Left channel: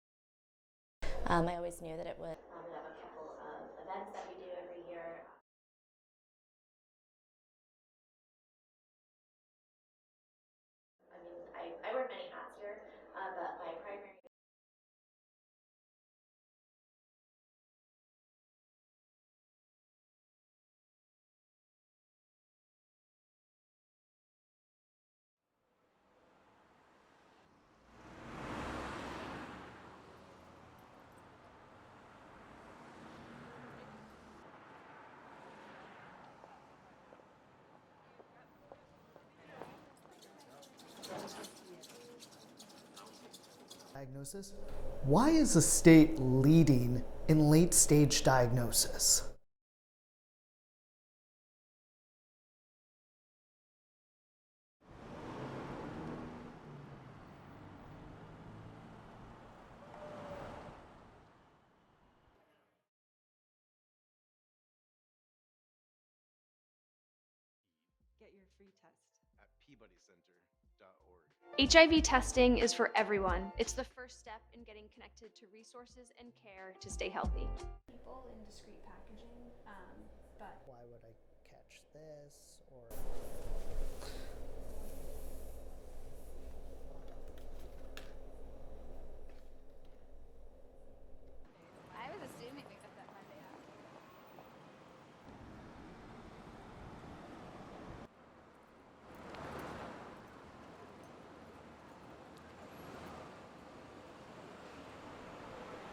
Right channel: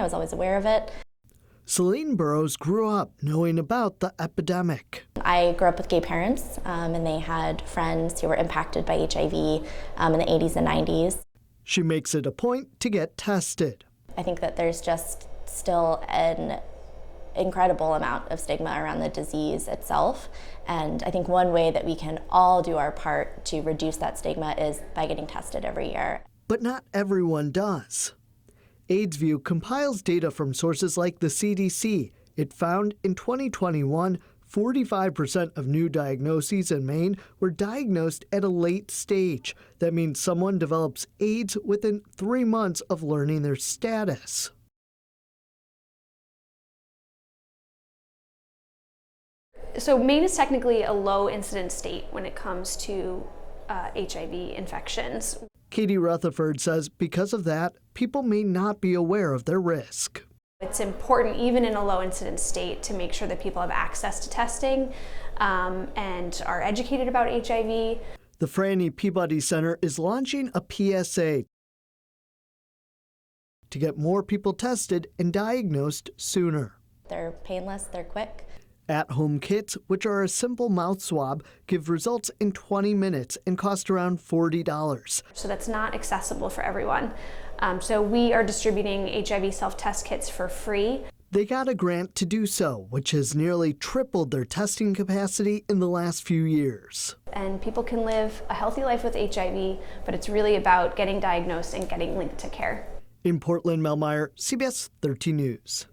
I was always aware of it. Celine Burrows grew up knowing about the epidemic. I grew up with gay parents, and they had friends who were impacted by HIV in the 80s and 90s. She makes it a point to get tested. I think that there's just still an incredible amount of stigma around the disease itself. And I think one way that we can all do our part to reduce that stigma is by getting tested every year. But not everyone does. AIDSview compiles data from sources like the CDC. It found in 2021, 45% of new diagnoses in Maine were diagnosed at a late stage. That means someone develops AIDS within 3 months of learning their status. Why is the state leading in late-stage diagnosis? So Maine is technically a low incidence state when it comes to HIV infections. Katie Rutherford says because of that, people may not be aware of their risk. It's important, even in a low incidence state, to make sure that people have access to testing and are educated about HIV. The Franny Peabody Center is launching a PSA HIV testing is for everyone. It's to get more people tested and diagnosed sooner. They're painless, they're quick. At-home kits, which are a simple mouth swab, give results in 20 minutes and cost around $40. So that's not accessible for everyone. So we are distributing HIV self-test kits for free. They got a grant to do so, which has nearly tripled their testing capacity in the last few years. And people can live a healthy life with HIV, but it's really about getting diagnosed and getting linked to care. In Portland, Mel Meyer, CBS 13 News.